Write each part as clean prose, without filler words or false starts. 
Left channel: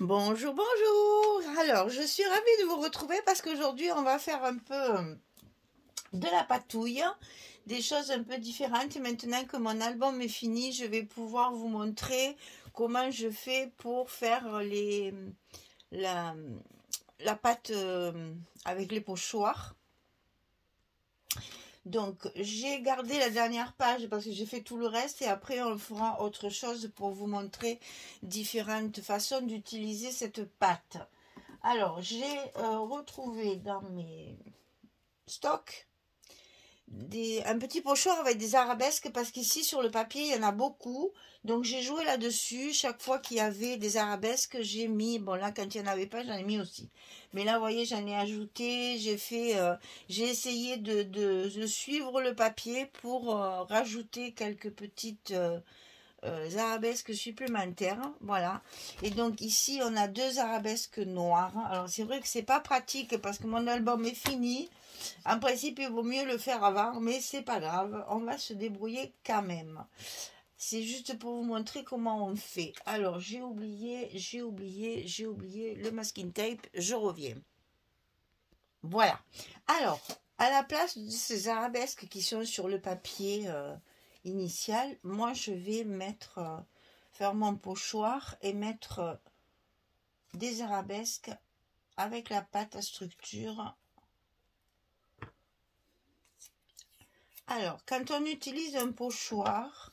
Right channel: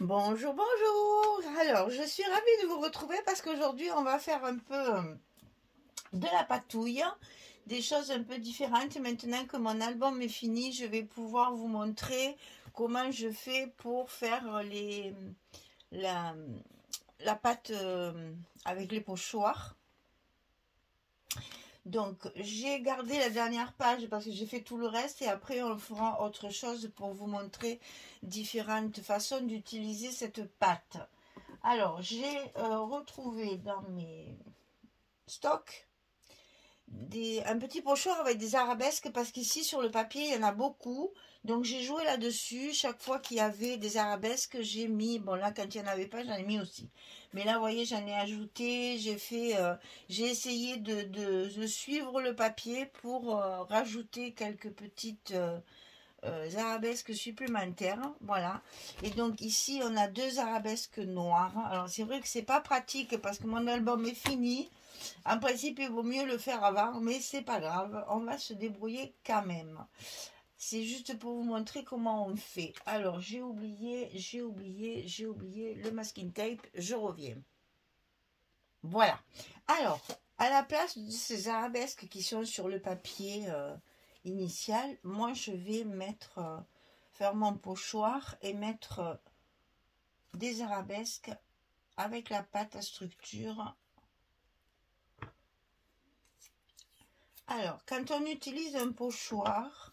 Bonjour, bonjour. Alors, je suis ravie de vous retrouver parce qu'aujourd'hui, on va faire un peu de la patouille, des choses un peu différentes. Maintenant que mon album est fini, je vais pouvoir vous montrer comment je fais pour faire la, la pâte avec les pochoirs. Donc, j'ai gardé la dernière page parce que j'ai fait tout le reste et après, on fera autre chose pour vous montrer différentes façons d'utiliser cette pâte. Alors, j'ai retrouvé dans mes stocks un petit pochoir avec des arabesques parce qu'ici sur le papier il y en a beaucoup, donc j'ai joué là-dessus. Chaque fois qu'il y avait des arabesques, j'ai mis, bon là quand il n'y en avait pas j'en ai mis aussi, mais là vous voyez j'en ai ajouté. J'ai essayé de suivre le papier pour rajouter quelques petites arabesques supplémentaires, voilà. Et donc ici on a deux arabesques noires. Alors c'est vrai que c'est pas pratique parce que mon album est fini. En principe il vaut mieux le faire avant, mais c'est pas grave, on va se débrouiller quand même. C'est juste pour vous montrer comment on fait. Alors j'ai oublié le masking tape, je reviens. Voilà. Alors à la place de ces arabesques qui sont sur le papier initial, moi je vais mettre faire mon pochoir et mettre des arabesques avec la pâte à structure. Alors quand on utilise un pochoir,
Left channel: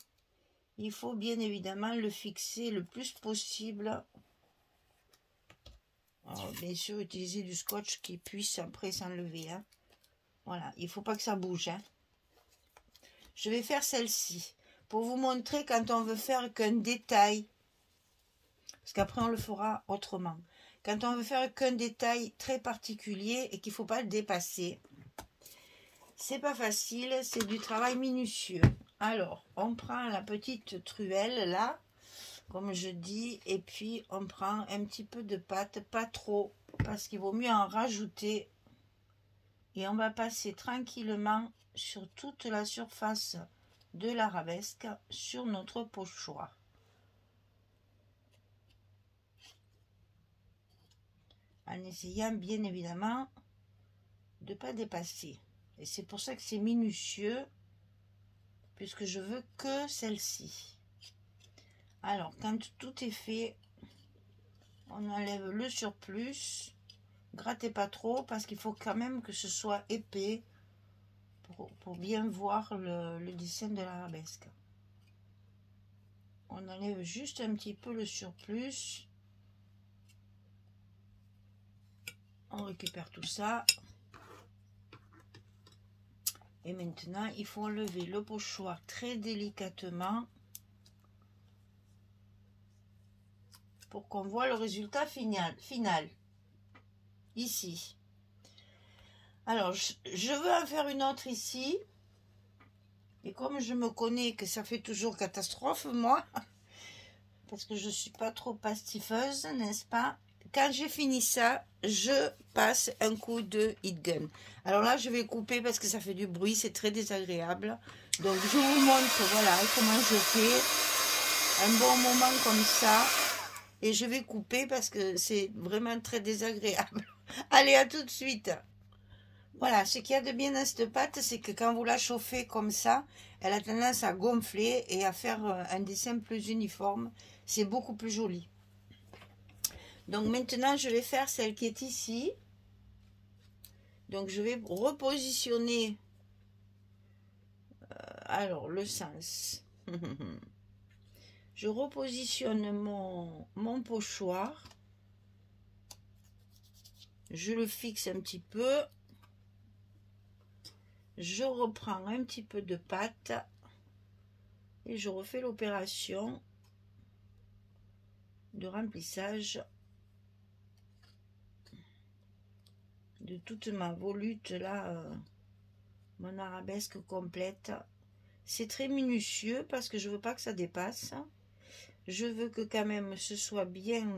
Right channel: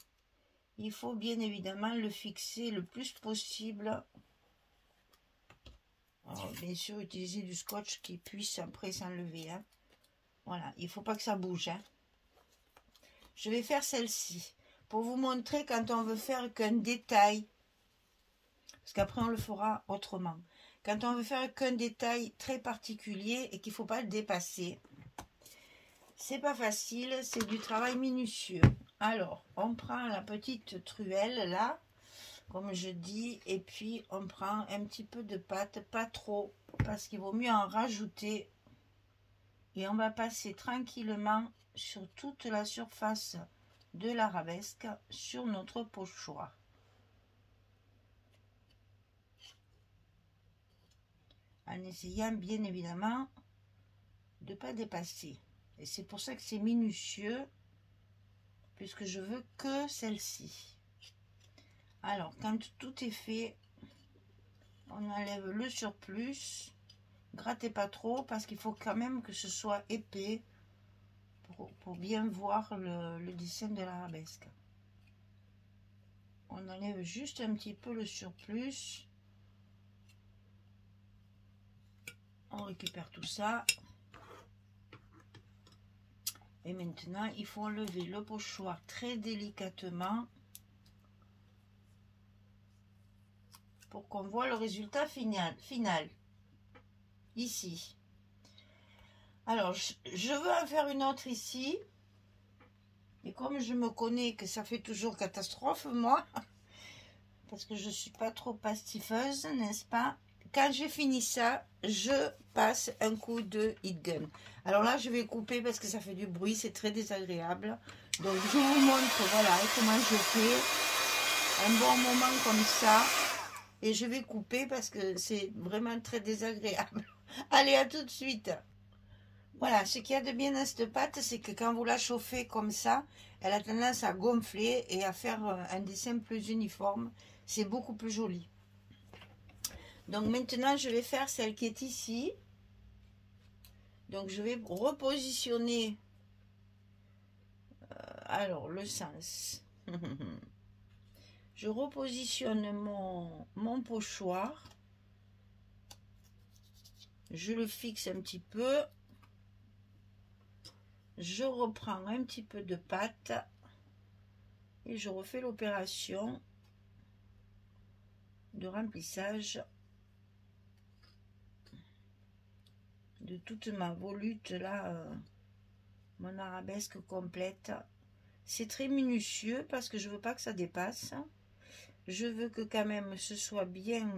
il faut bien évidemment le fixer le plus possible. Alors, bien sûr utiliser du scotch qui puisse après s'enlever, hein. Voilà, il ne faut pas que ça bouge, hein. Je vais faire celle-ci pour vous montrer quand on veut faire qu'un détail, parce qu'après on le fera autrement. Quand on veut faire qu'un détail très particulier et qu'il ne faut pas le dépasser, c'est pas facile, c'est du travail minutieux. Alors, on prend la petite truelle là, comme je dis, et puis on prend un petit peu de pâte, pas trop, parce qu'il vaut mieux en rajouter. Et on va passer tranquillement sur toute la surface de l'arabesque sur notre pochoir. En essayant bien évidemment de ne pas dépasser. Et c'est pour ça que c'est minutieux, puisque je veux que celle-ci. Alors, quand tout est fait, on enlève le surplus. Grattez pas trop, parce qu'il faut quand même que ce soit épais pour bien voir le dessin de l'arabesque. On enlève juste un petit peu le surplus. On récupère tout ça. Et maintenant, il faut enlever le pochoir très délicatement pour qu'on voit le résultat final. Ici. Alors, je veux en faire une autre ici. Et comme je me connais que ça fait toujours catastrophe, moi, parce que je ne suis pas trop pastifeuse, n'est-ce pas? Quand j'ai fini ça, je passe un coup de heat gun. Alors là, je vais couper parce que ça fait du bruit, c'est très désagréable. Donc, je vous montre, voilà, comment je fais un bon moment comme ça. Et je vais couper parce que c'est vraiment très désagréable. Allez, à tout de suite. Voilà, ce qu'il y a de bien dans cette pâte, c'est que quand vous la chauffez comme ça, elle a tendance à gonfler et à faire un dessin plus uniforme. C'est beaucoup plus joli. Donc maintenant, je vais faire celle qui est ici. Donc je vais repositionner alors le sens. Je repositionne mon pochoir. Je le fixe un petit peu. Je reprends un petit peu de pâte et je refais l'opération de remplissage de toute ma volute là, mon arabesque complète. C'est très minutieux parce que je veux pas que ça dépasse. Je veux que quand même ce soit bien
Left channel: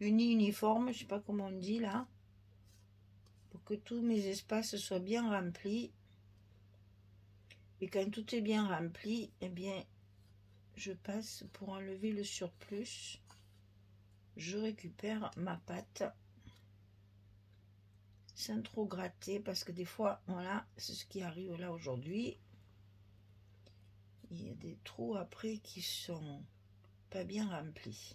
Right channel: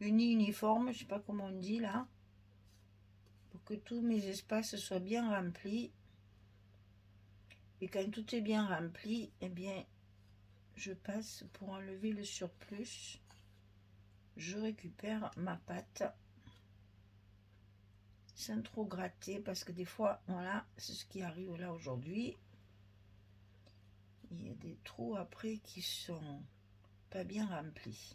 uniforme, je sais pas comment on dit là, pour que tous mes espaces soient bien remplis. Et quand tout est bien rempli, eh bien je passe pour enlever le surplus. Je récupère ma pâte sans trop gratter parce que des fois, voilà, c'est ce qui arrive là aujourd'hui. Il y a des trous après qui sont pas bien remplis.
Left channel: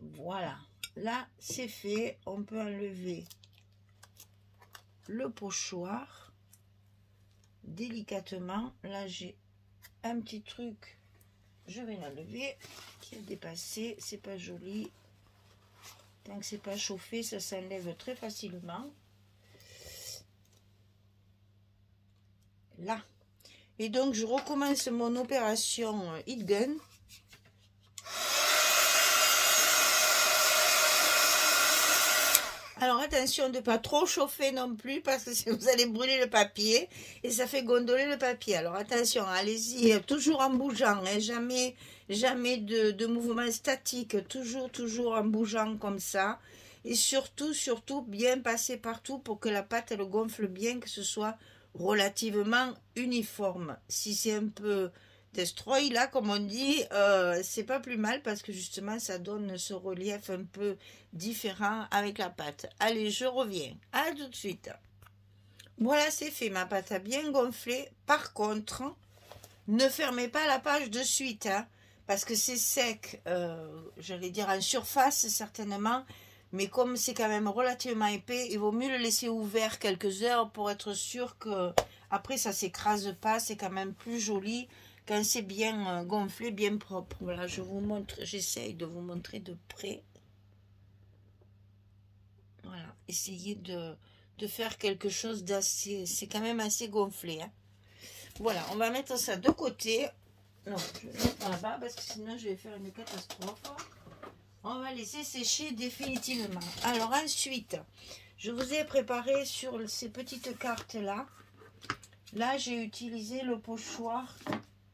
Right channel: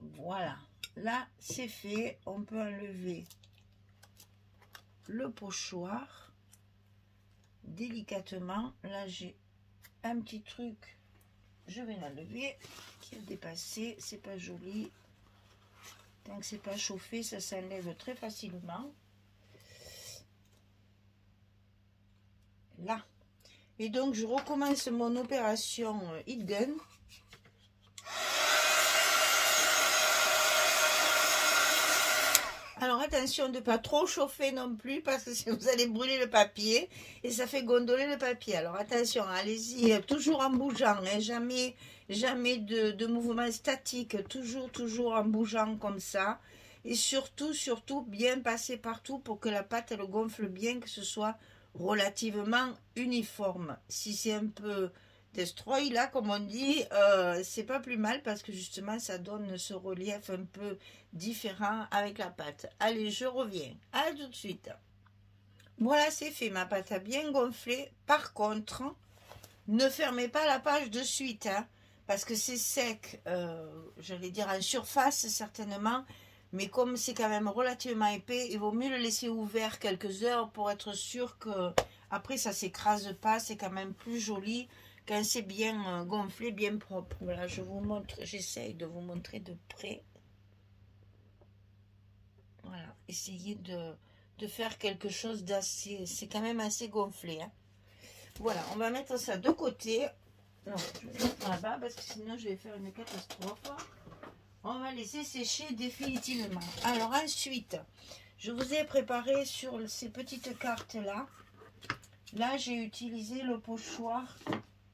Voilà, là c'est fait. On peut enlever le pochoir délicatement. Là j'ai un petit truc, je vais l'enlever, qui a dépassé. C'est pas joli. Tant que c'est pas chauffé, ça s'enlève très facilement. Là. Et donc je recommence mon opération Heat Gun. Alors attention de ne pas trop chauffer non plus parce que vous allez brûler le papier et ça fait gondoler le papier. Alors attention, allez-y, toujours en bougeant, hein, jamais de mouvement statique, toujours en bougeant comme ça. Et surtout bien passer partout pour que la pâte elle gonfle bien, que ce soit relativement uniforme. Si c'est un peu destroy là comme on dit, c'est pas plus mal parce que justement ça donne ce relief un peu différent avec la pâte. Allez, je reviens, à tout de suite. Voilà, c'est fait, ma pâte a bien gonflé. Par contre, ne fermez pas la page de suite, hein, parce que c'est sec, j'allais dire en surface certainement, mais comme c'est quand même relativement épais, il vaut mieux le laisser ouvert quelques heures pour être sûr que après ça s'écrase pas. C'est quand même plus joli quand c'est bien gonflé, bien propre. Voilà, je vous montre, j'essaye de vous montrer de près. Voilà, essayez de faire quelque chose d'assez, c'est quand même assez gonflé, hein. Voilà, on va mettre ça de côté. Non, je vais mettre là-bas parce que sinon je vais faire une catastrophe. On va laisser sécher définitivement. Alors ensuite, je vous ai préparé sur ces petites cartes là. Là, j'ai utilisé le pochoir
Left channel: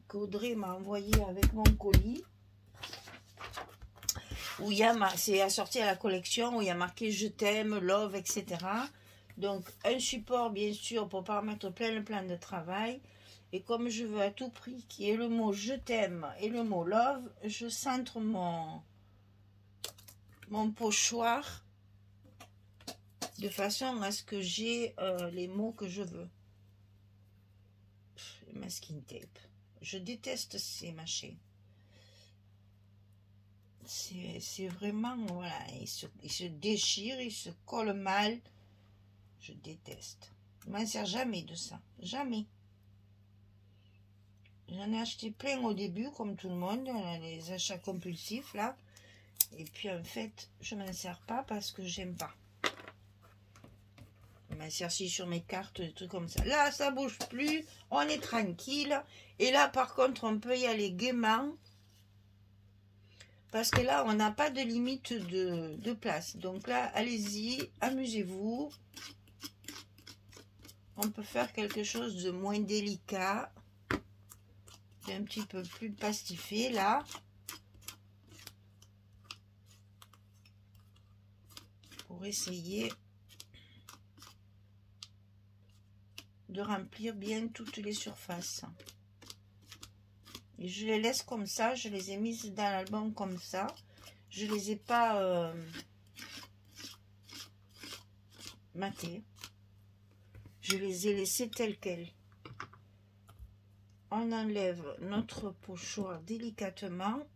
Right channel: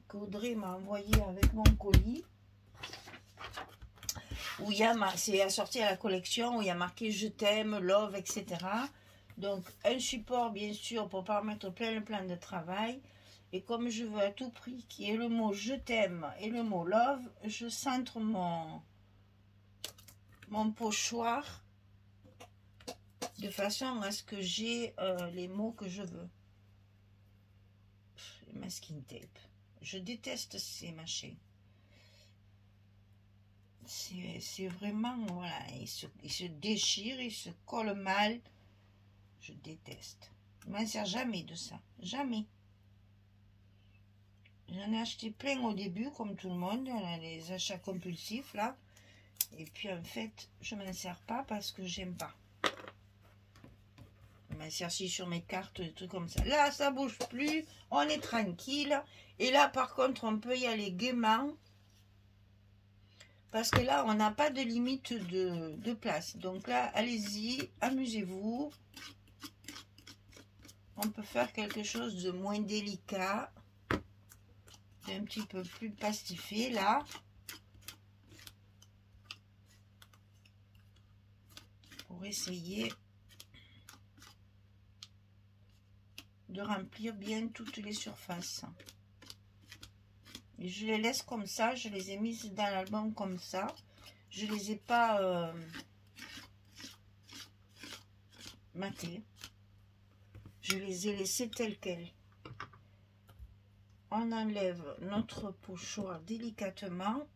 qu'Audrey m'a envoyé avec mon colis. Où il y a, c'est assorti à la collection, où il y a marqué je t'aime, love, etc. Donc un support bien sûr pour pas mettre plein de travail. Et comme je veux à tout prix qu'il y ait le mot je t'aime et le mot love, je centre mon pochoir de façon à ce que j'ai les mots que je veux. Masking tape. Je déteste ces machins. C'est vraiment, voilà, il se déchire, il se colle mal. Je déteste. Je m'en sers jamais de ça. Jamais. J'en ai acheté plein au début, comme tout le monde, les achats compulsifs, là. Et puis, en fait, je m'en sers pas parce que j'aime pas. Je m'en sers si sur mes cartes, des trucs comme ça. Là, ça bouge plus, on est tranquille. Et là, par contre, on peut y aller gaiement. Parce que là, on n'a pas de limite de place. Donc là, allez-y, amusez-vous. On peut faire quelque chose de moins délicat. Un petit peu plus pastifié, là. Pour essayer de remplir bien toutes les surfaces. Et je les laisse comme ça, je les ai mises dans l'album comme ça. Je les ai pas matées. Je les ai laissées telles quelles. On enlève notre pochoir délicatement.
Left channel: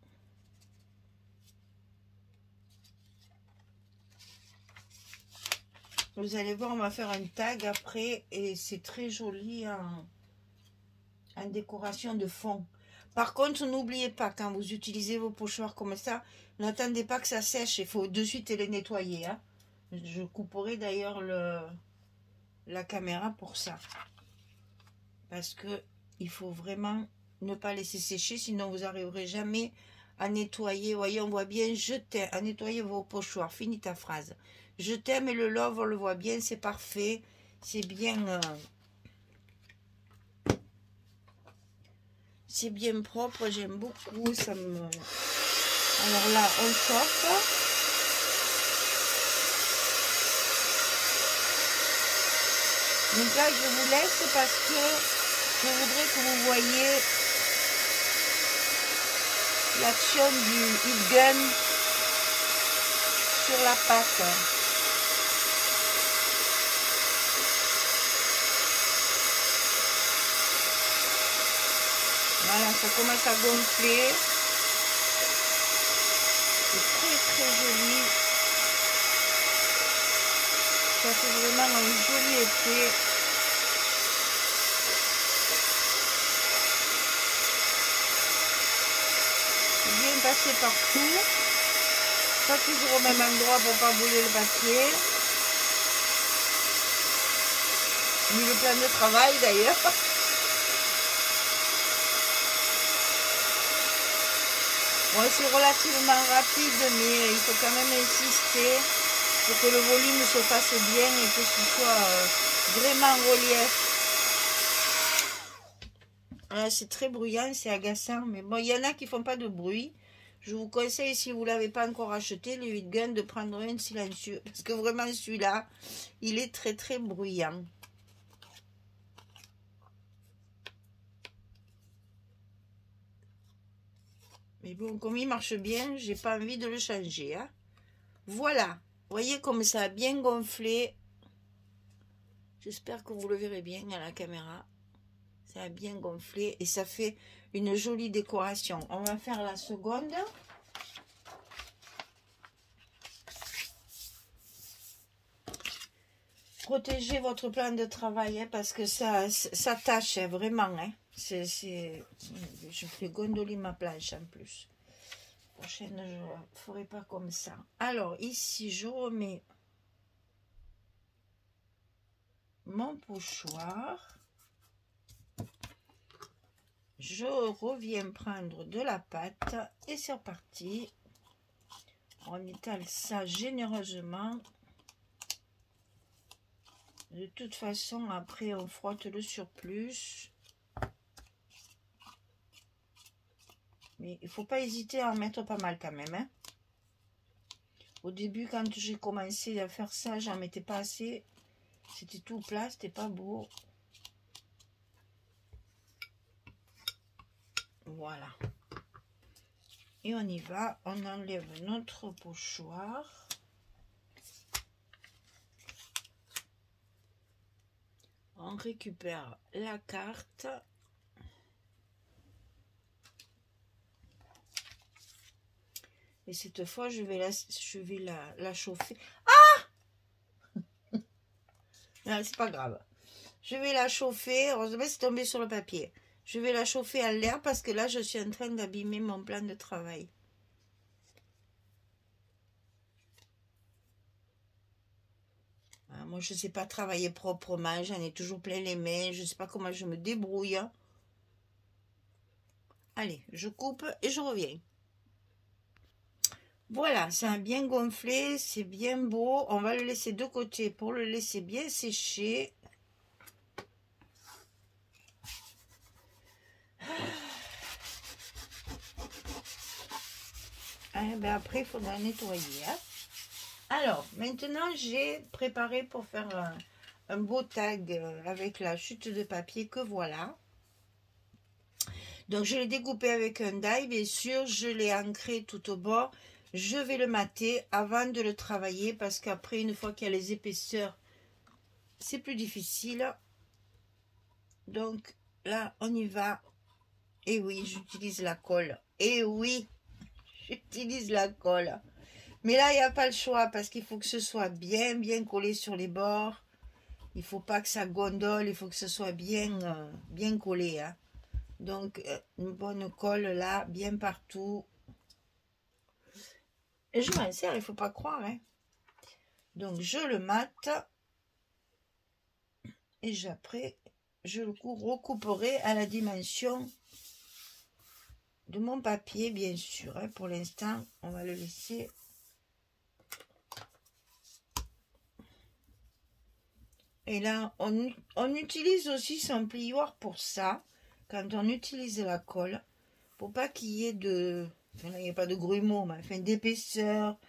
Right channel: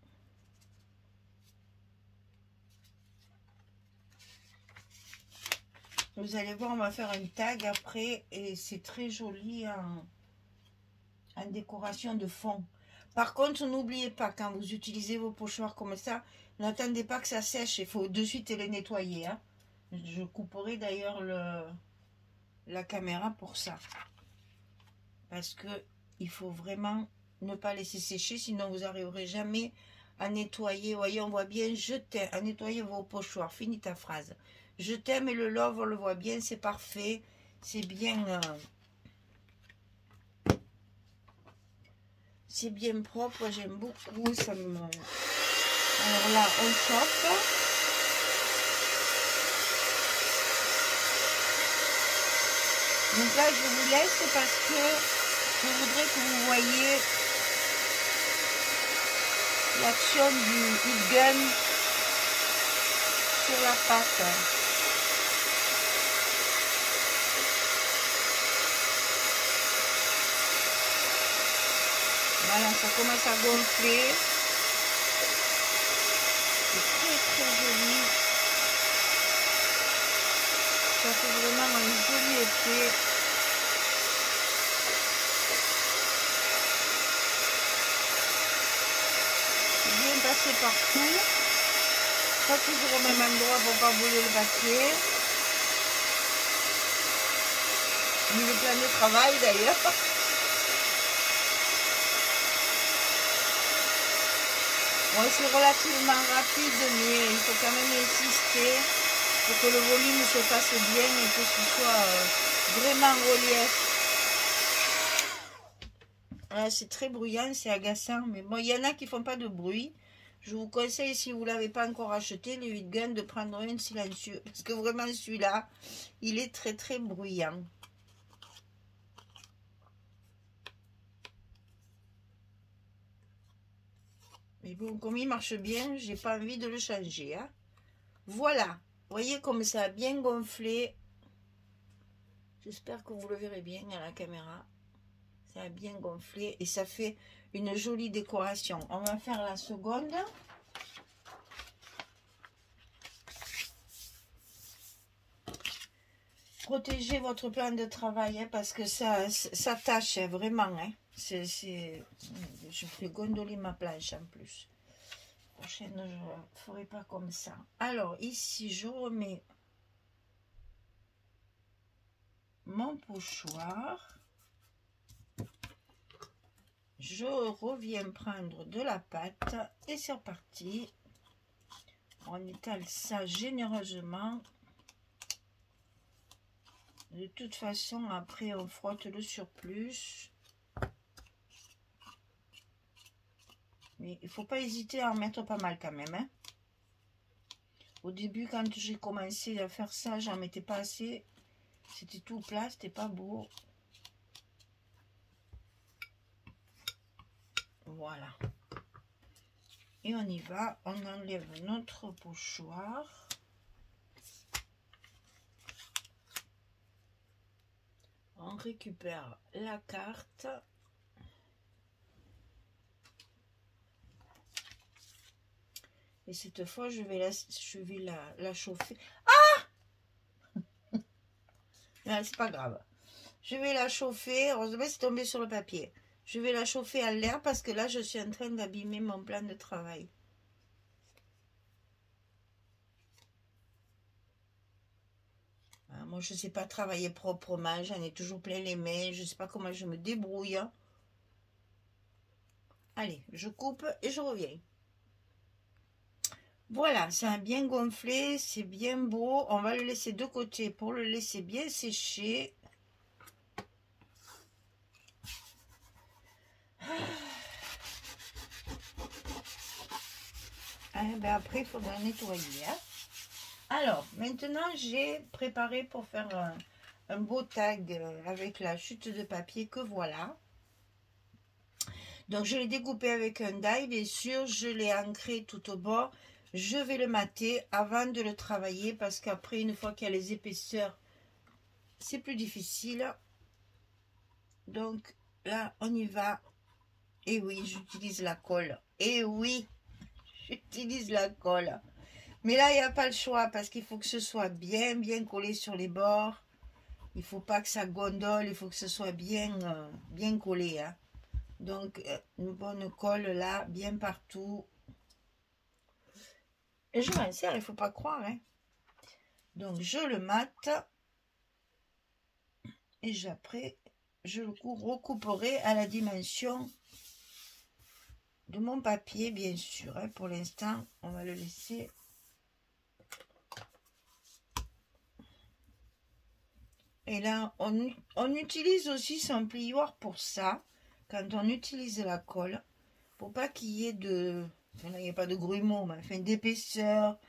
Vous allez voir, on va faire un tag après et c'est très joli en décoration de fond. Par contre, n'oubliez pas, quand vous utilisez vos pochoirs comme ça, n'attendez pas que ça sèche, il faut de suite les nettoyer, hein. Je couperai d'ailleurs la caméra pour ça. Parce que il faut vraiment ne pas laisser sécher, sinon vous n'arriverez jamais à nettoyer. Vous voyez, on voit bien, je t'aime, à nettoyer vos pochoirs. Finis ta phrase. Je t'aime et le love, on le voit bien, c'est parfait. C'est bien... c'est bien propre, j'aime beaucoup, ça me... Alors là, on chauffe. Donc là, je vous laisse parce que Je voudrais que vous voyez l'action du heat gun sur la pâte. Voilà, ça commence à gonfler. C'est très très joli. Ça fait vraiment un joli effet. Bien passé partout. Pas toujours au même endroit pour pas brûler le papier. Il est plein de travail d'ailleurs. Bon, c'est relativement rapide, mais il faut quand même insister pour que le volume se fasse bien et que ce soit vraiment relief. C'est très bruyant, c'est agaçant, mais bon, il y en a qui font pas de bruit. Je vous conseille, si vous ne l'avez pas encore acheté, le heat gun, de prendre un silencieux. Parce que vraiment, celui-là, il est très très bruyant. Mais bon, comme il marche bien, j'ai pas envie de le changer. Hein. Voilà. Vous voyez comme ça a bien gonflé. J'espère que vous le verrez bien à la caméra. Ça a bien gonflé et ça fait une jolie décoration. On va faire la seconde. Protégez votre plan de travail hein, parce que ça tâche hein, vraiment. Hein. Je fais gondoler ma planche en plus. La prochaine, je ne ferai pas comme ça. Alors ici, je remets mon pochoir. Je reviens prendre de la pâte et c'est reparti. On étale ça généreusement. De toute façon, après, on frotte le surplus. Mais il ne faut pas hésiter à en mettre pas mal quand même. Hein. Au début, quand j'ai commencé à faire ça, j'en mettais pas assez. C'était tout plat, c'était pas beau. Voilà. Et on y va. On enlève notre pochoir. On récupère la carte. Et cette fois, je vais la chauffer. Ah! Non, c'est pas grave. Je vais la chauffer. Heureusement, c'est tombé sur le papier. Je vais la chauffer à l'air parce que là, je suis en train d'abîmer mon plan de travail. Moi, je ne sais pas travailler proprement. J'en ai toujours plein les mains. Je ne sais pas comment je me débrouille. Allez, je coupe et je reviens. Voilà, ça a bien gonflé, c'est bien beau. On va le laisser de côté pour le laisser bien sécher. Ben après, il faudra nettoyer. Hein. Alors, maintenant, j'ai préparé pour faire un beau tag avec la chute de papier que voilà. Donc, je l'ai découpé avec un die, bien sûr. Je l'ai ancré tout au bord. Je vais le mater avant de le travailler parce qu'après, une fois qu'il y a les épaisseurs, c'est plus difficile. Donc, là, on y va. Et oui, j'utilise la colle. Et oui, j'utilise la colle. Mais là, il n'y a pas le choix parce qu'il faut que ce soit bien collé sur les bords. Il ne faut pas que ça gondole, il faut que ce soit bien collé. Hein. Donc, une bonne colle là, bien partout. Et je m'en sers, il ne faut pas croire. Hein. Donc, je le mate. Et après, je le recouperai à la dimension de mon papier, bien sûr. Hein. Pour l'instant, on va le laisser. Et là, on utilise aussi son plioir pour ça, quand on utilise la colle, pour pas qu'il y ait il n'y a pas de grumeaux, mais enfin d'épaisseur,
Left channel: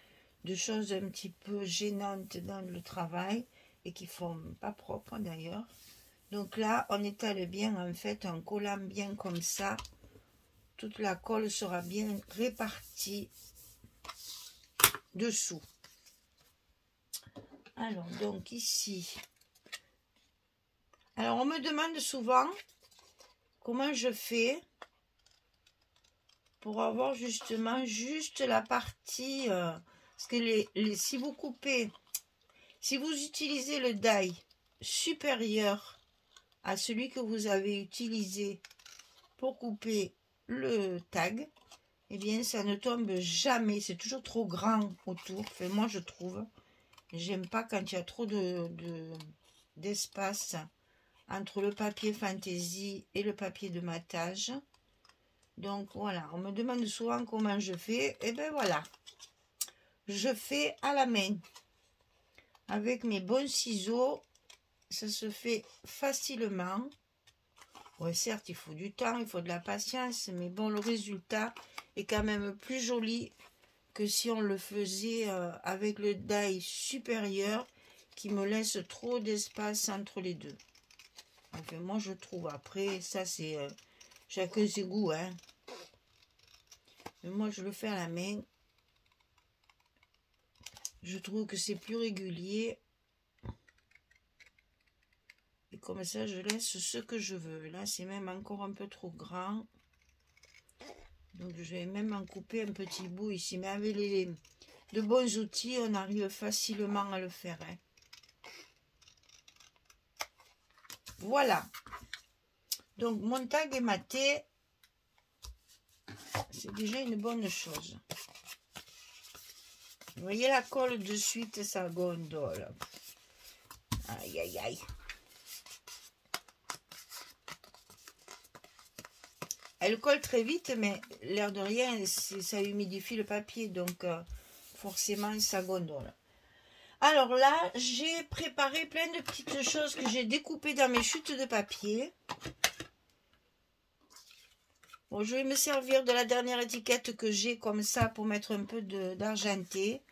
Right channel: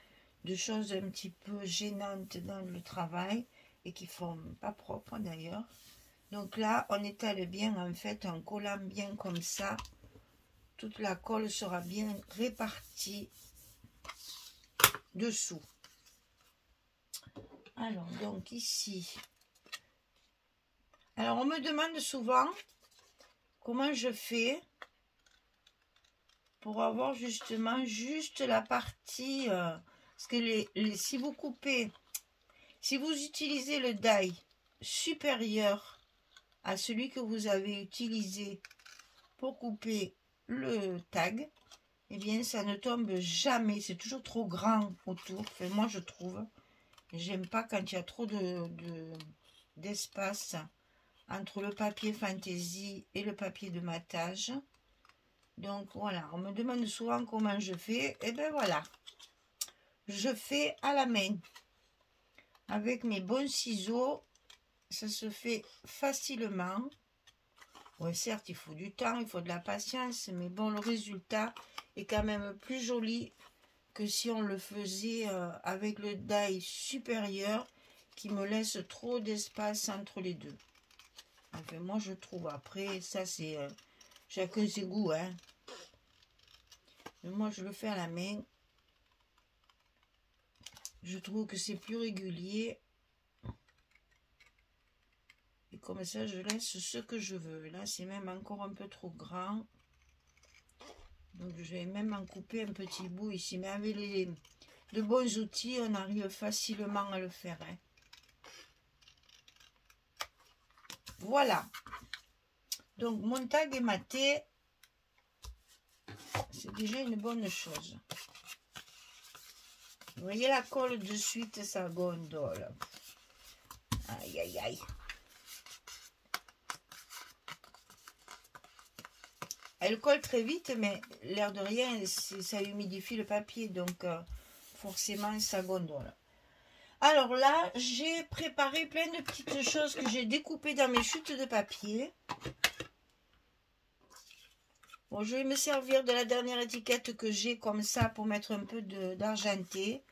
de choses un petit peu gênantes dans le travail, et qui ne font pas propre d'ailleurs. Donc là, on étale bien en fait en collant bien comme ça. Toute la colle sera bien répartie dessous. Alors, donc ici. Alors, on me demande souvent comment je fais pour avoir justement juste la partie... parce que si vous coupez, si vous utilisez le die supérieur à celui que vous avez utilisé pour couper le tag, eh bien ça ne tombe jamais, c'est toujours trop grand autour. Enfin, moi je trouve, j'aime pas quand il y a trop d'espace entre le papier fantaisie et le papier de matage. Donc voilà, on me demande souvent comment je fais, et bien voilà, je fais à la main avec mes bons ciseaux. Ça se fait facilement. Oui, certes, il faut du temps, il faut de la patience, mais bon, le résultat est quand même plus joli que si on le faisait avec le die supérieur qui me laisse trop d'espace entre les deux. Enfin, moi, je trouve. Après, ça, c'est chacun ses goûts, hein. Mais moi, je le fais à la main. Je trouve que c'est plus régulier. Et comme ça, je laisse ce que je veux. Là, c'est même encore un peu trop grand. Donc, je vais même en couper un petit bout ici. Mais avec de bons outils, on arrive facilement à le faire. Hein. Voilà. Donc, mon tag est maté. C'est déjà une bonne chose. Vous voyez la colle de suite, ça gondole. Aïe, aïe, aïe. Elle colle très vite, mais l'air de rien, ça humidifie le papier, donc forcément ça gondole. Alors là, j'ai préparé plein de petites choses que j'ai découpées dans mes chutes de papier. Bon, je vais me servir de la dernière étiquette que j'ai comme ça pour mettre un peu d'argenté.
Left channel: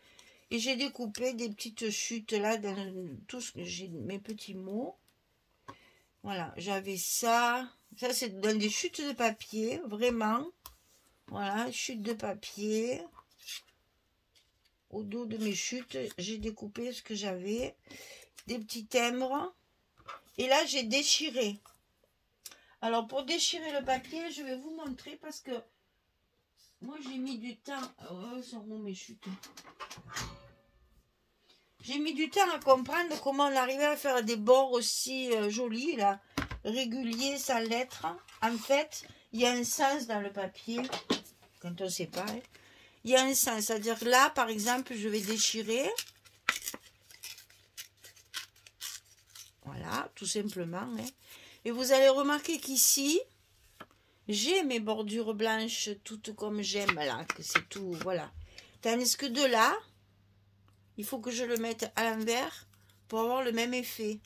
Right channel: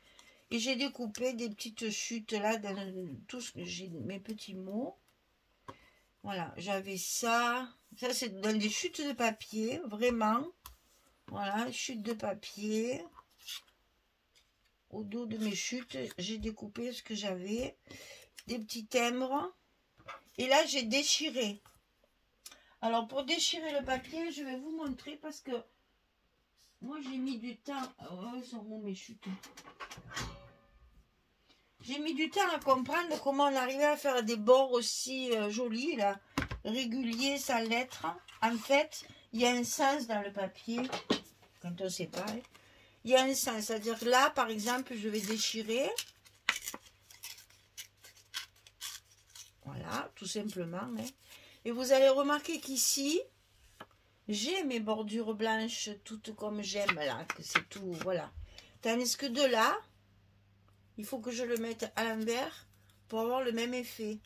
Et j'ai découpé des petites chutes là dans tout ce que j'ai, mes petits mots. Voilà, j'avais ça. Ça, c'est dans des chutes de papier, vraiment. Voilà, chutes de papier. Au dos de mes chutes, j'ai découpé ce que j'avais. Des petits timbres. Et là, j'ai déchiré. Alors, pour déchirer le papier, je vais vous montrer parce que moi, j'ai mis du temps. Oh, sont où mes chutes? J'ai mis du temps à comprendre comment on arrivait à faire des bords aussi jolis, là, réguliers, sans lettres. En fait, il y a un sens dans le papier, quand on ne sait pas. Hein. Il y a un sens, c'est-à-dire que là, par exemple, je vais déchirer. Voilà, tout simplement. Hein. Et vous allez remarquer qu'ici, j'ai mes bordures blanches, toutes comme j'aime, là, que c'est tout, voilà. Tandis que de là, il faut que je le mette à l'envers pour avoir le même effet.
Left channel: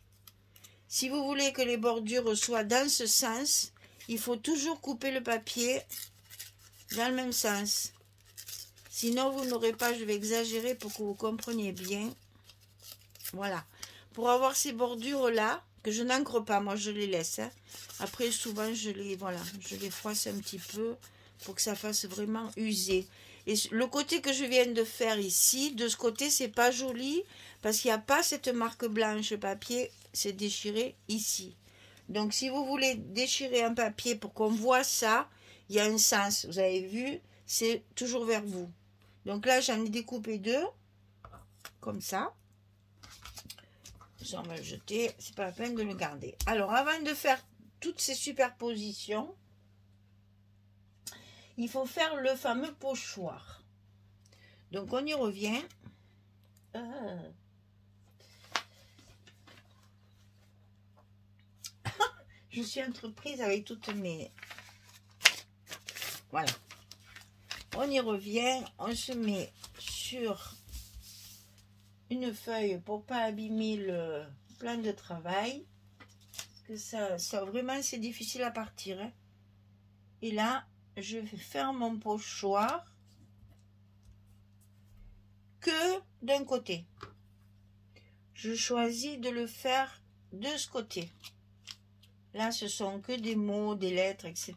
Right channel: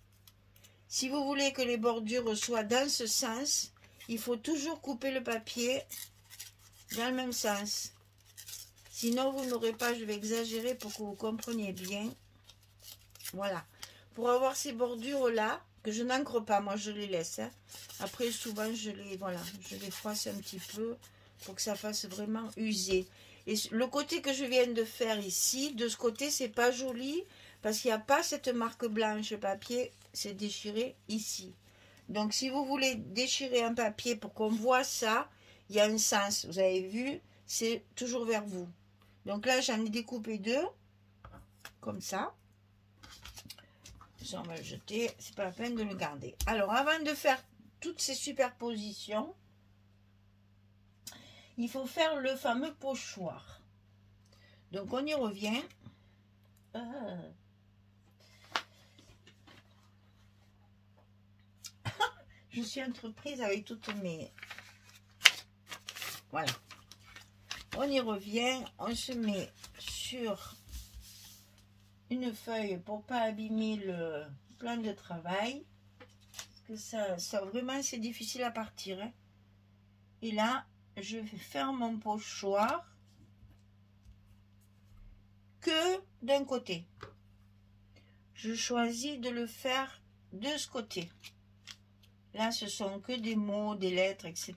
Si vous voulez que les bordures soient dans ce sens, il faut toujours couper le papier dans le même sens. Sinon, vous n'aurez pas, je vais exagérer pour que vous compreniez bien. Voilà. Pour avoir ces bordures-là, que je n'encre pas, moi je les laisse. Hein. Après, souvent, je les froisse un petit peu pour que ça fasse vraiment user. Et le côté que je viens de faire ici, de ce côté, c'est pas joli parce qu'il n'y a pas cette marque blanche papier, c'est déchiré ici. Donc, si vous voulez déchirer un papier pour qu'on voit ça, il y a un sens. Vous avez vu, c'est toujours vers vous. Donc là, j'en ai découpé deux, comme ça. Ça, on va le jeter, c'est pas la peine de le garder. Alors, avant de faire toutes ces superpositions, il faut faire le fameux pochoir. Donc, on y revient. Je suis entreprise avec toutes mes... Voilà. On y revient. On se met sur une feuille pour pas abîmer le plan de travail. Parce que ça vraiment, c'est difficile à partir. Hein. Et là, je vais faire mon pochoir que d'un côté. Je choisis de le faire de ce côté. Là, ce sont que des mots, des lettres, etc.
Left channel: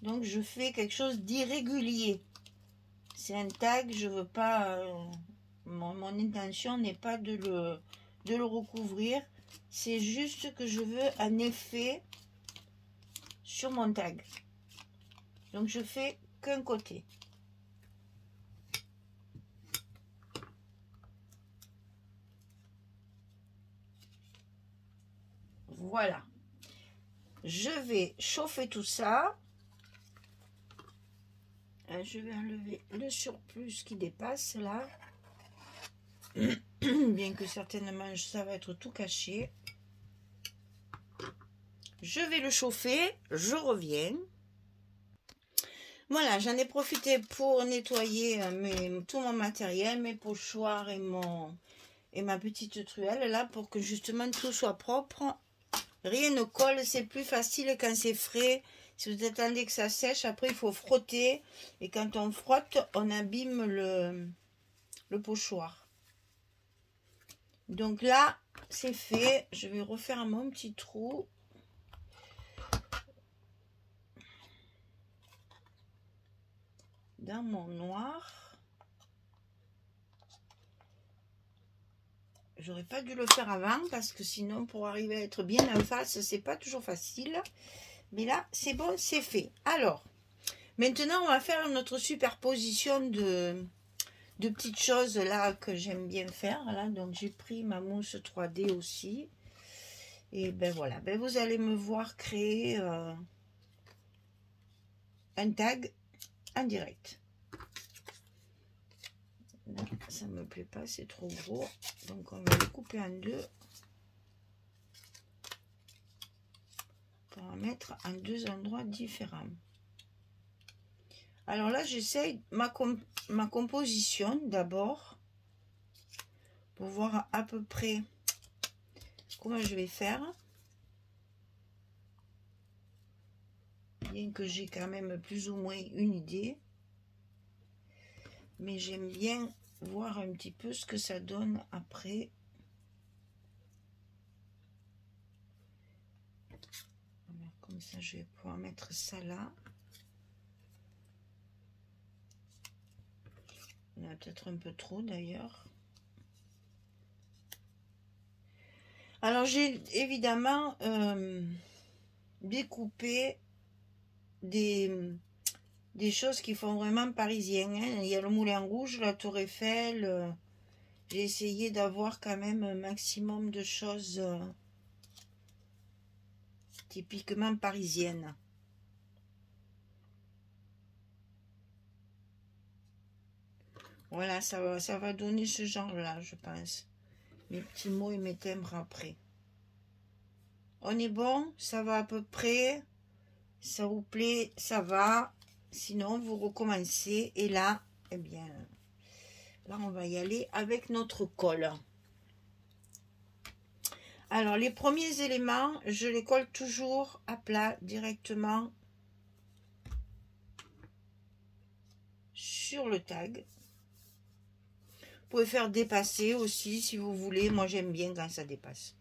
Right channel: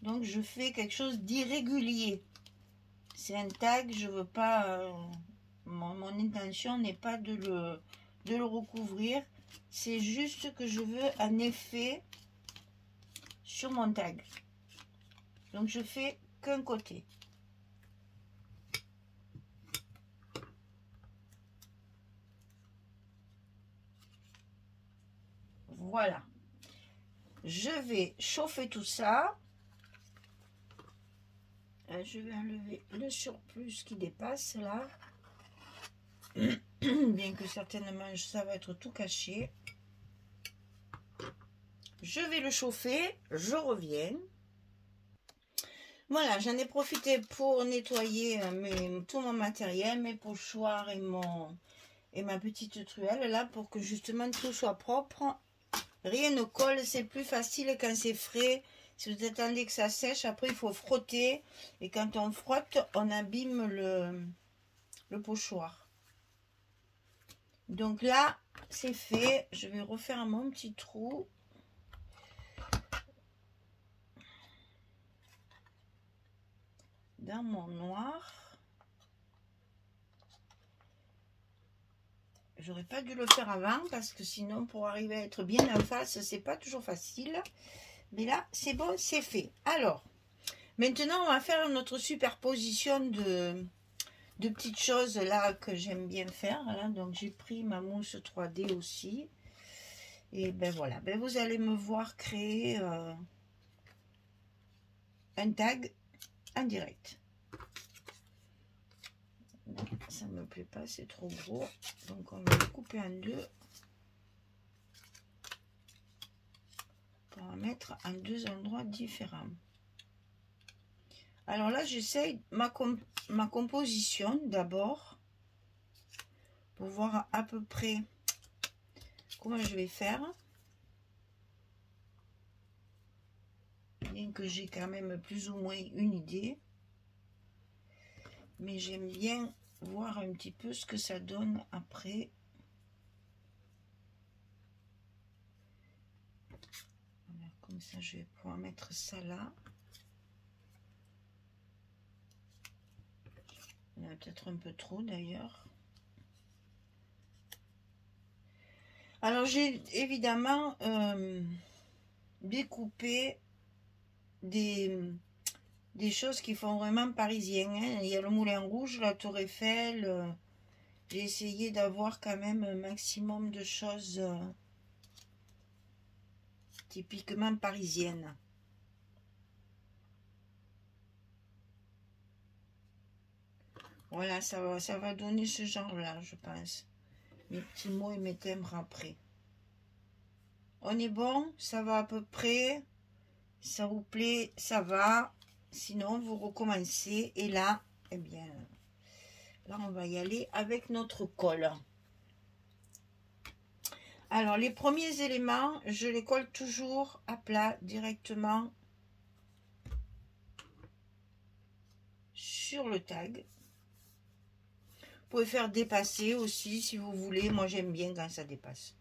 Donc, je fais quelque chose d'irrégulier. C'est un tag, je veux pas... mon intention n'est pas de le recouvrir. C'est juste que je veux un effet sur mon tag. Donc, je fais qu'un côté. Voilà. Je vais chauffer tout ça. Je vais enlever le surplus qui dépasse là. Bien que certainement ça va être tout caché. Je vais le chauffer. Je reviens. Voilà, j'en ai profité pour nettoyer tout mon matériel, mes pochoirs et ma petite truelle là pour que justement tout soit propre. Rien ne colle, c'est plus facile quand c'est frais. Si vous attendez que ça sèche, après il faut frotter. Et quand on frotte, on abîme le pochoir. Donc là, c'est fait. Je vais refaire mon petit trou. Dans mon noir. J'aurais pas dû le faire avant parce que sinon pour arriver à être bien en face, c'est pas toujours facile. Mais là, c'est bon, c'est fait. Alors, maintenant on va faire notre superposition de petites choses là que j'aime bien faire. Là. Donc j'ai pris ma mousse 3D aussi. Et ben voilà, ben vous allez me voir créer un tag en direct. Non, ça me plaît pas, c'est trop gros. Donc on va le couper en deux. Pour en mettre en deux endroits différents. Alors là, j'essaye ma composition d'abord. Pour voir à peu près comment je vais faire. Bien que j'ai quand même plus ou moins une idée. Mais j'aime bien voir un petit peu ce que ça donne après. Voilà, comme ça, je vais pouvoir mettre ça là. Il y en a peut-être un peu trop d'ailleurs. Alors j'ai évidemment découpé des choses qui font vraiment parisien. Hein. Il y a le Moulin Rouge, la Tour Eiffel. J'ai essayé d'avoir quand même un maximum de choses typiquement parisiennes. Voilà, ça va donner ce genre-là, je pense. Mes petits mots et mes timbres après. On est bon? Ça va à peu près? Ça vous plaît? Ça va? Sinon, vous recommencez. Et là, eh bien, là, on va y aller avec notre colle. Alors, les premiers éléments, je les colle toujours à plat, directement sur le tag. Vous pouvez faire dépasser aussi, si vous voulez. Moi, j'aime bien quand ça dépasse.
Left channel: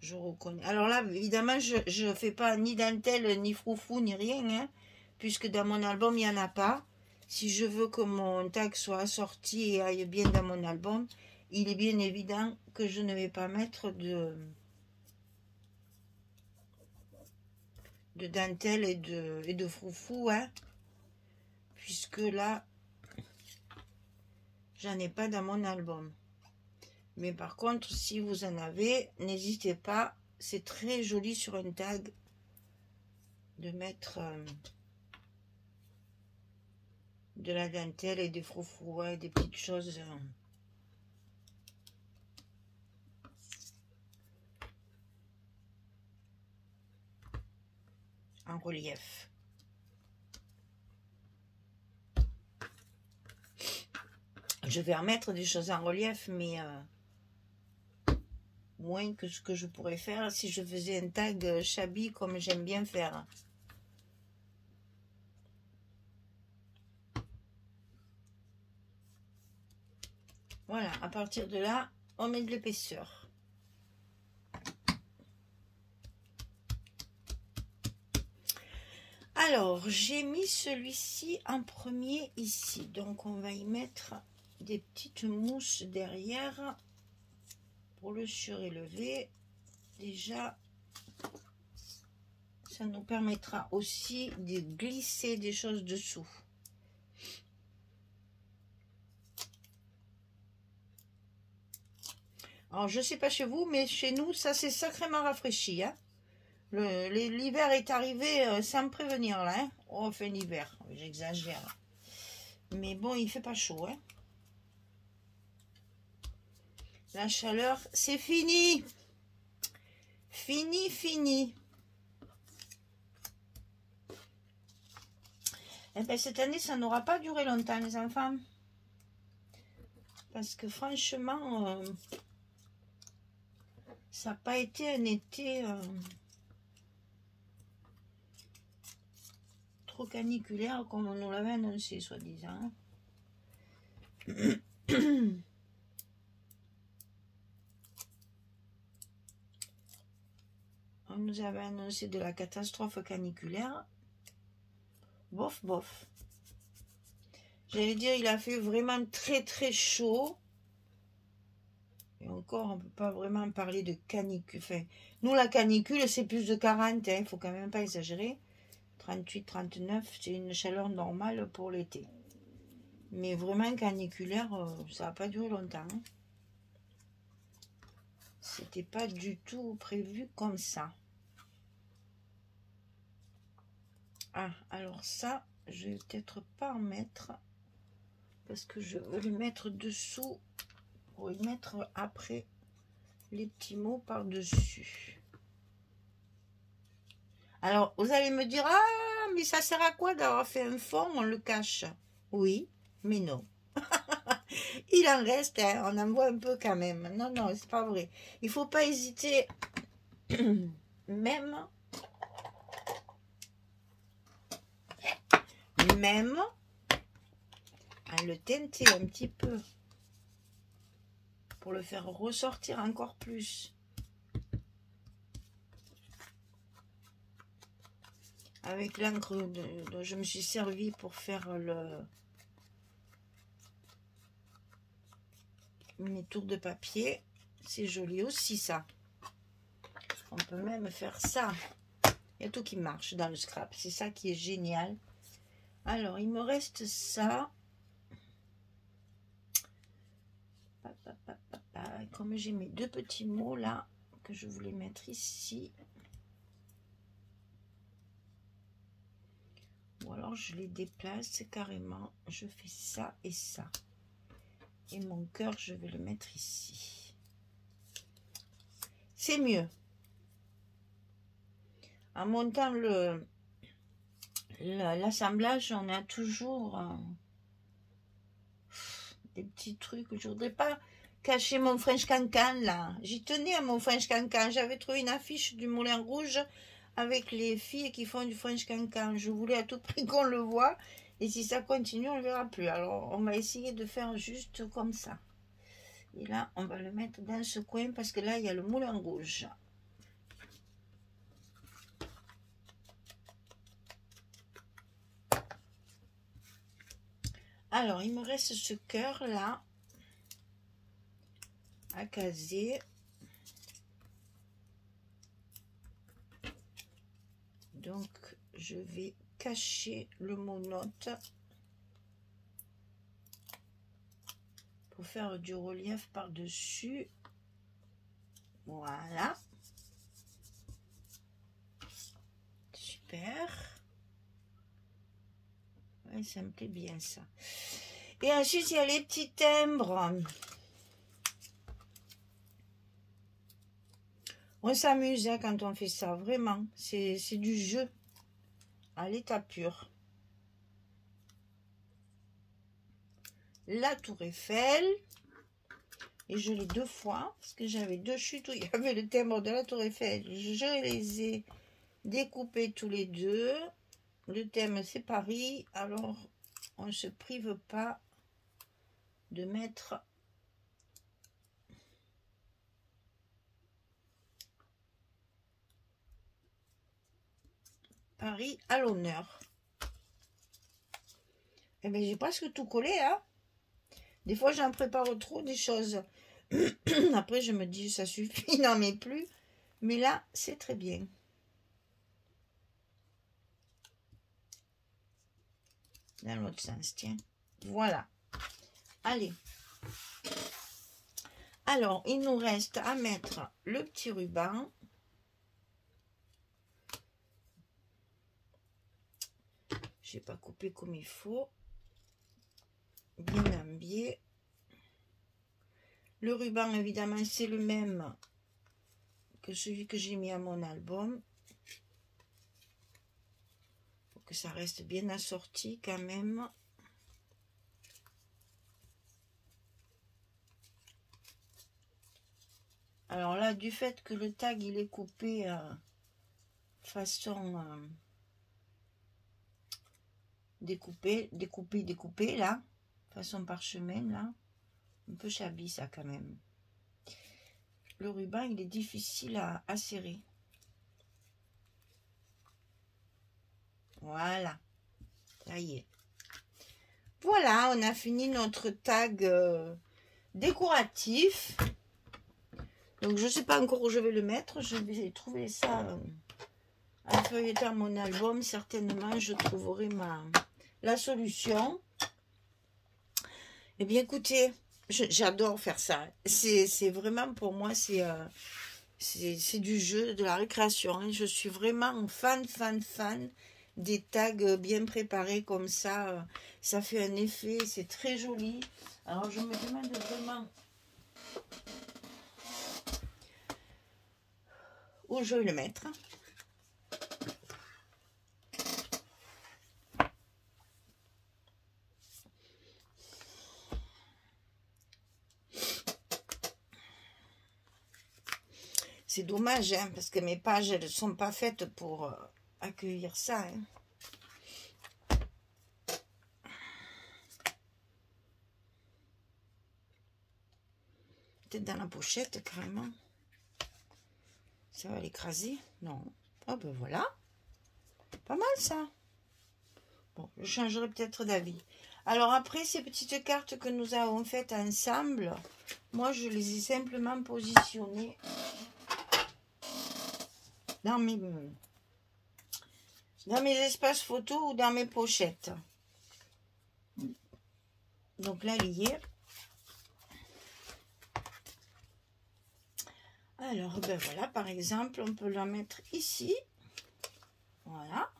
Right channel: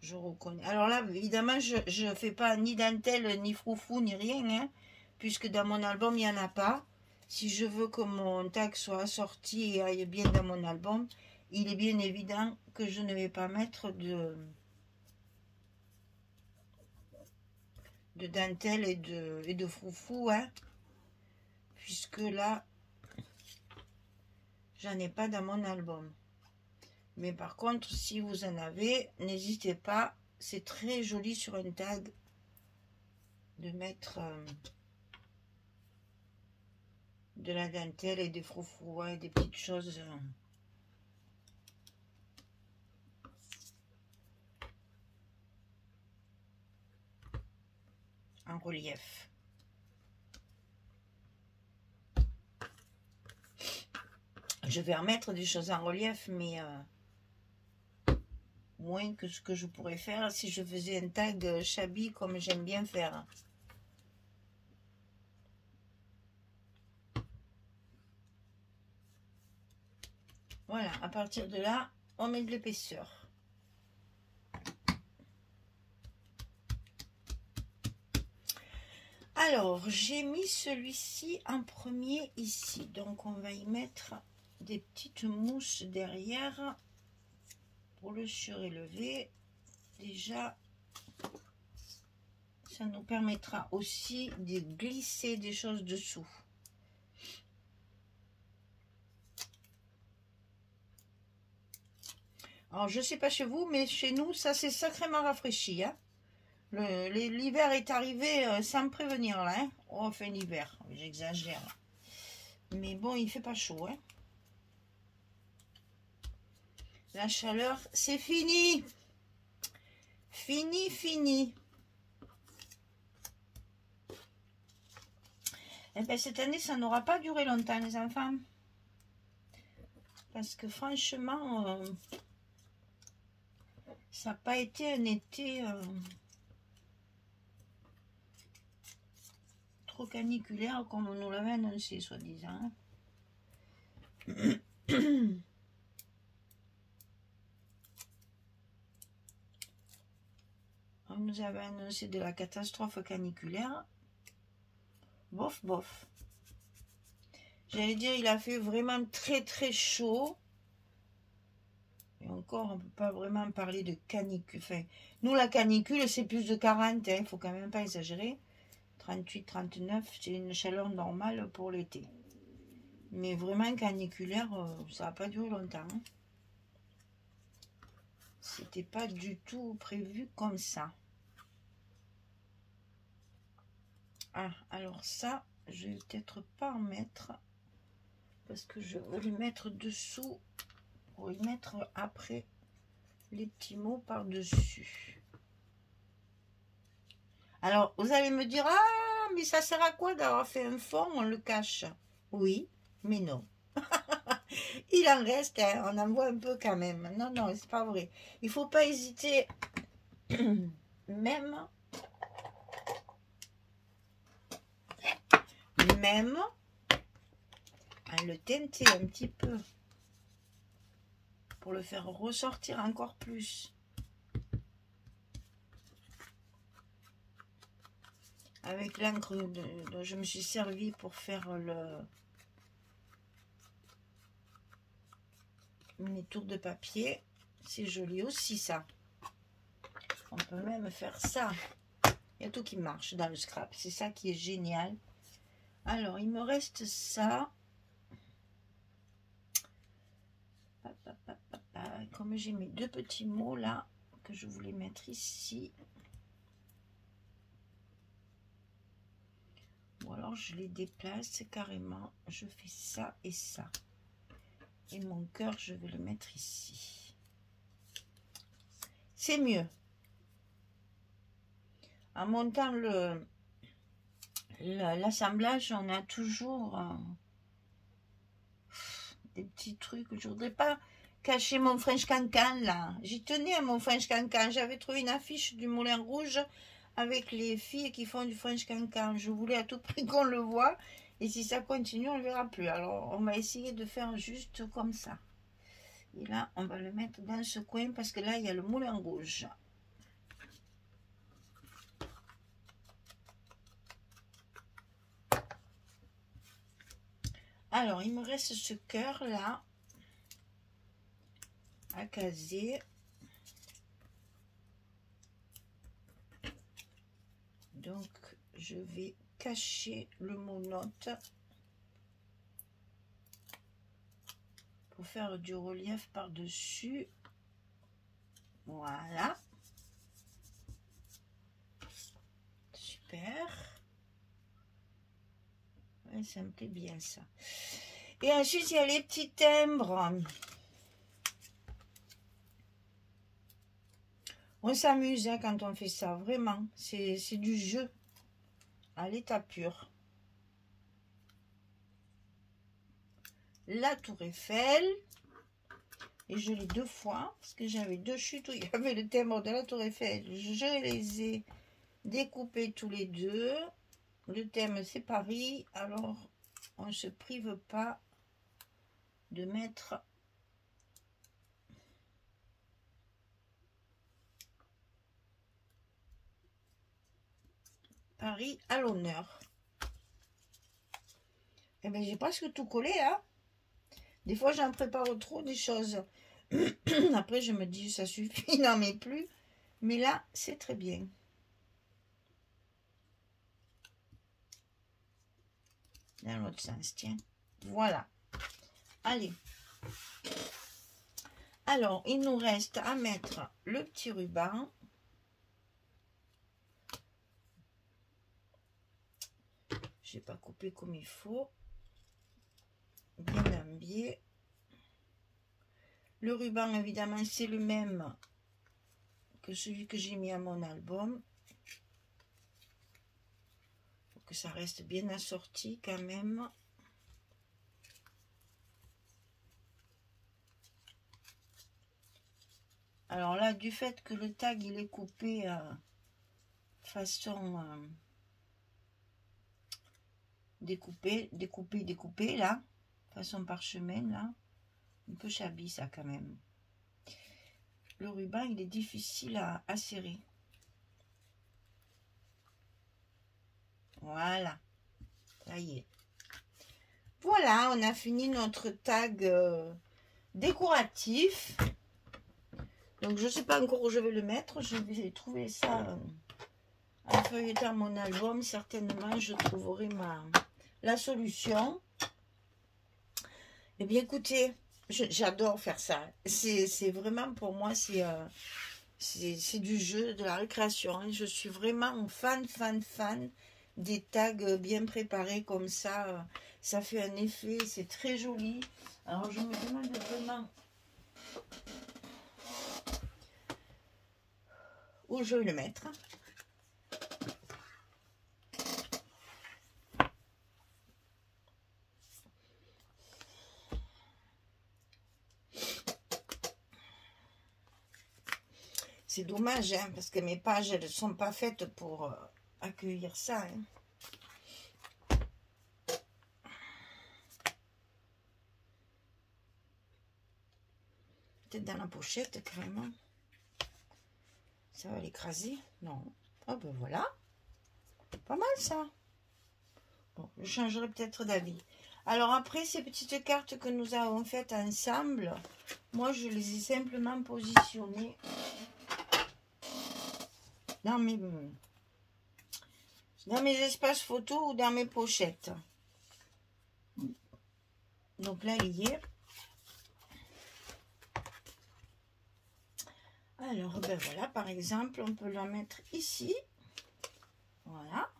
Je reconnais. Alors là, évidemment, je ne fais pas ni dentelle, ni froufrou, ni rien, hein, puisque dans mon album, il n'y en a pas. Si je veux que mon tag soit assorti et aille bien dans mon album, il est bien évident que je ne vais pas mettre de dentelle et de froufrou, hein, puisque là, j'en ai pas dans mon album. Mais par contre, si vous en avez, n'hésitez pas. C'est très joli sur un tag de mettre de la dentelle et des froufrous, et des petites choses en relief. Je vais remettre des choses en relief, mais moins que ce que je pourrais faire si je faisais un tag shabby comme j'aime bien faire. Voilà, à partir de là, on met de l'épaisseur. Alors, j'ai mis celui-ci en premier ici. Donc, on va y mettre des petites mousses derrière pour le surélever. Déjà, ça nous permettra aussi de glisser des choses dessous. Alors, je ne sais pas chez vous, mais chez nous, ça s'est sacrément rafraîchi. Hein. L'hiver est arrivé sans me prévenir, là. Hein. Oh, enfin, l'hiver, j'exagère. Mais bon, il fait pas chaud. Hein. La chaleur, c'est fini. Fini, fini. Eh bien, cette année, ça n'aura pas duré longtemps, les enfants. Parce que franchement, ça n'a pas été un été trop caniculaire comme on nous l'avait annoncé, soi-disant. On nous avait annoncé de la catastrophe caniculaire. Bof, bof. J'allais dire, il a fait vraiment très, très chaud. Et encore, on ne peut pas vraiment parler de canicule. Enfin, nous, la canicule, c'est plus de 40. Il ne faut quand même pas exagérer. 38, 39, c'est une chaleur normale pour l'été. Mais vraiment caniculaire, ça n'a pas duré longtemps. Hein. C'était pas du tout prévu comme ça. Ah, alors ça, je vais peut-être pas en mettre. Parce que je vais le mettre dessous. Pour y mettre après les petits mots par-dessus. Alors, vous allez me dire, ah, mais ça sert à quoi d'avoir fait un fond, on le cache? Oui, mais non. Il en reste, hein, on en voit un peu quand même. Non, non, c'est pas vrai. Il faut pas hésiter, même à le teinter un petit peu pour le faire ressortir encore plus. Avec l'encre dont je me suis servi pour faire mes tours de papier. C'est joli aussi ça. On peut même faire ça. Il y a tout qui marche dans le scrap. C'est ça qui est génial. Alors, il me reste ça. Comme j'ai mes deux petits mots là, que je voulais mettre ici. Ou alors je les déplace carrément. Je fais ça et ça. Et mon cœur, je vais le mettre ici. C'est mieux. En montant l'assemblage, on a toujours des petits trucs. Je voudrais pas cacher mon French Cancan là. J'y tenais à mon French Cancan. J'avais trouvé une affiche du Moulin Rouge avec les filles qui font du French Cancan. Je voulais à tout prix qu'on le voit. Et si ça continue, on ne le verra plus. Alors, on va essayer de faire juste comme ça. Et là, on va le mettre dans ce coin parce que là, il y a le Moulin Rouge. Alors, il me reste ce cœur là à caser. Donc, je vais cacher le mot note pour faire du relief par-dessus. Voilà. Super. Ouais, ça me plaît bien ça. Et ensuite, il y a les petits timbres. On s'amuse hein, quand on fait ça, vraiment. C'est du jeu à l'état pur. La Tour Eiffel. Et je l'ai deux fois, parce que j'avais deux chutes où il y avait le timbre de la Tour Eiffel. Je les ai découpés tous les deux. Le thème, c'est Paris. Alors, on ne se prive pas de mettre Paris à l'honneur. Eh bien, j'ai presque tout collé, hein. Des fois, j'en prépare trop des choses. Après, je me dis, ça suffit, il n'en met plus. Mais là, c'est très bien. Dans l'autre sens, tiens. Voilà. Allez. Alors, il nous reste à mettre le petit ruban. Je n'ai pas coupé comme il faut. Bien un biais. Le ruban, évidemment, c'est le même que celui que j'ai mis à mon album. Pour que ça reste bien assorti quand même. Alors là, du fait que le tag, il est coupé façon découpé, là, façon parchemin, là. Un peu chablis, ça, quand même. Le ruban, il est difficile à serrer. Voilà. Ça y est. Voilà, on a fini notre tag décoratif. Donc, je ne sais pas encore où je vais le mettre. Je vais trouver ça en feuilletant mon album. Certainement, je trouverai la solution. Eh bien, écoutez, j'adore faire ça. C'est vraiment, pour moi, c'est du jeu, de la récréation. Je suis vraiment fan des tags bien préparés comme ça. Ça fait un effet, c'est très joli. Alors, je me demande vraiment où je vais le mettre. C'est dommage, hein, parce que mes pages, elles ne sont pas faites pour accueillir ça. Hein. Peut-être dans la pochette, carrément. Ça va l'écraser? Non. Ah ben voilà. Pas mal, ça. Bon, je changerai peut-être d'avis. Alors après, ces petites cartes que nous avons faites ensemble, moi, je les ai simplement positionnées dans mes espaces photos ou dans mes pochettes. Donc là, lié. Alors, ben voilà, par exemple, on peut la mettre ici. Voilà.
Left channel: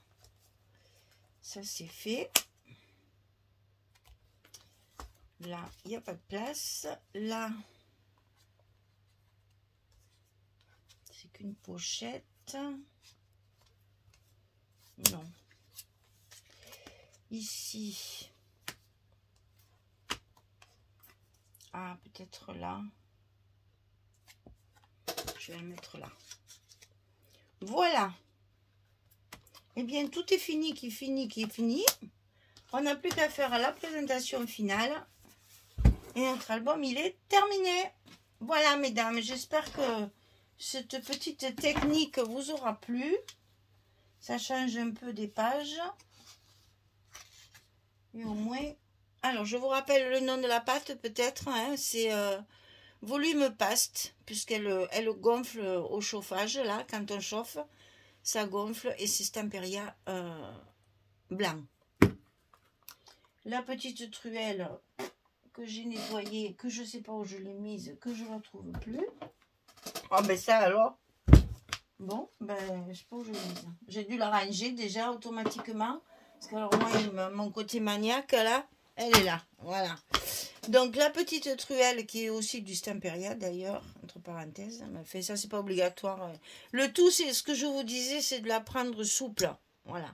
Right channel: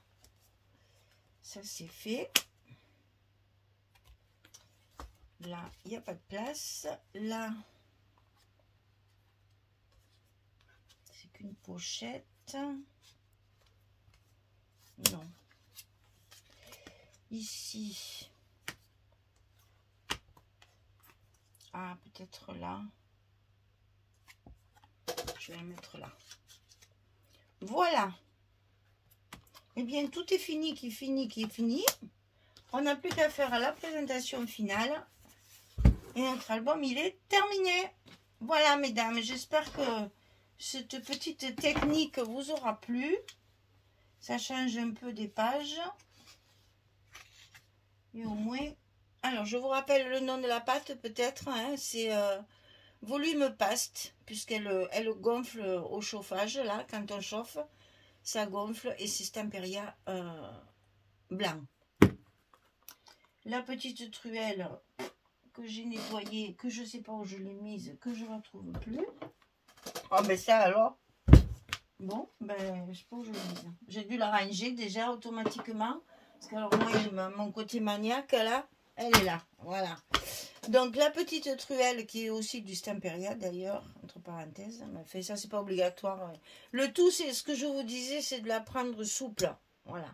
Ça, c'est fait. Là, il n'y a pas de place. Là, c'est qu'une pochette. Non. Ici. Ah, peut-être là. Je vais la mettre là. Voilà. Eh bien, tout est fini, qui est fini. On n'a plus qu'à faire la présentation finale. Et notre album, il est terminé. Voilà, mesdames. J'espère que cette petite technique vous aura plu. Ça change un peu des pages. Et au moins... Alors, je vous rappelle le nom de la pâte, peut-être. Hein, c'est volume paste, puisqu'elle gonfle au chauffage, là, quand on chauffe. Ça gonfle et c'est Stamperia blanc. La petite truelle que j'ai nettoyée, que je ne sais pas où je l'ai mise, que je ne la trouve plus. Ah ben ça alors. Bon, ben je sais pas où je l'ai mise. J'ai dû la ranger déjà automatiquement. Parce que alors moi, mon côté maniaque là, elle est là. Voilà. Donc la petite truelle qui est aussi du Stamperia d'ailleurs, entre parenthèses. Mais fait, ça c'est pas obligatoire. Le tout, c'est ce que je vous disais, c'est de la prendre souple. Voilà.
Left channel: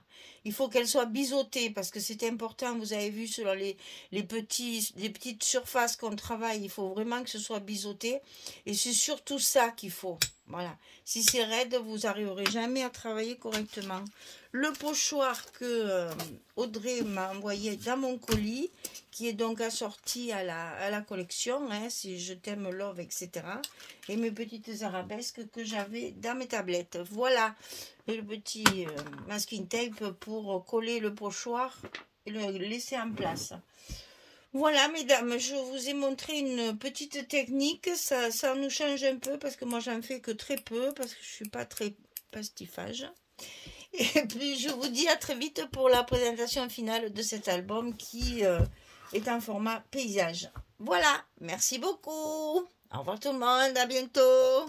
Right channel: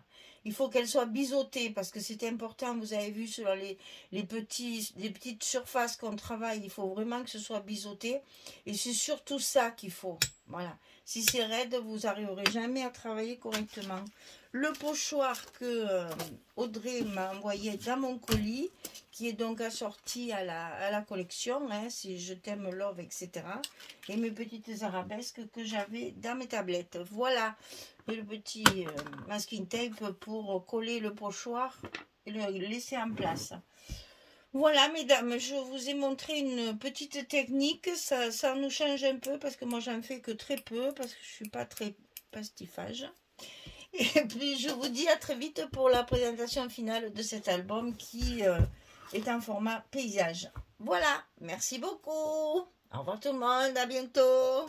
Il faut qu'elle soit biseautée parce que c'est important. Vous avez vu sur les petites surfaces qu'on travaille, il faut vraiment que ce soit biseauté. Et c'est surtout ça qu'il faut. Voilà. Si c'est raide, vous n'arriverez jamais à travailler correctement. Le pochoir que Audrey m'a envoyé dans mon colis, qui est donc assorti à la collection, hein, si je t'aime love, etc. Et mes petites arabesques que j'avais dans mes tablettes. Voilà le petit masking tape pour coller le pochoir et le laisser en place. Voilà, mesdames, je vous ai montré une petite technique. Ça nous change un peu parce que moi, j'en fais que très peu parce que je suis pas très pastifage. Et puis, je vous dis à très vite pour la présentation finale de cet album qui est en format paysage. Voilà, merci beaucoup. Au revoir tout le monde, à bientôt.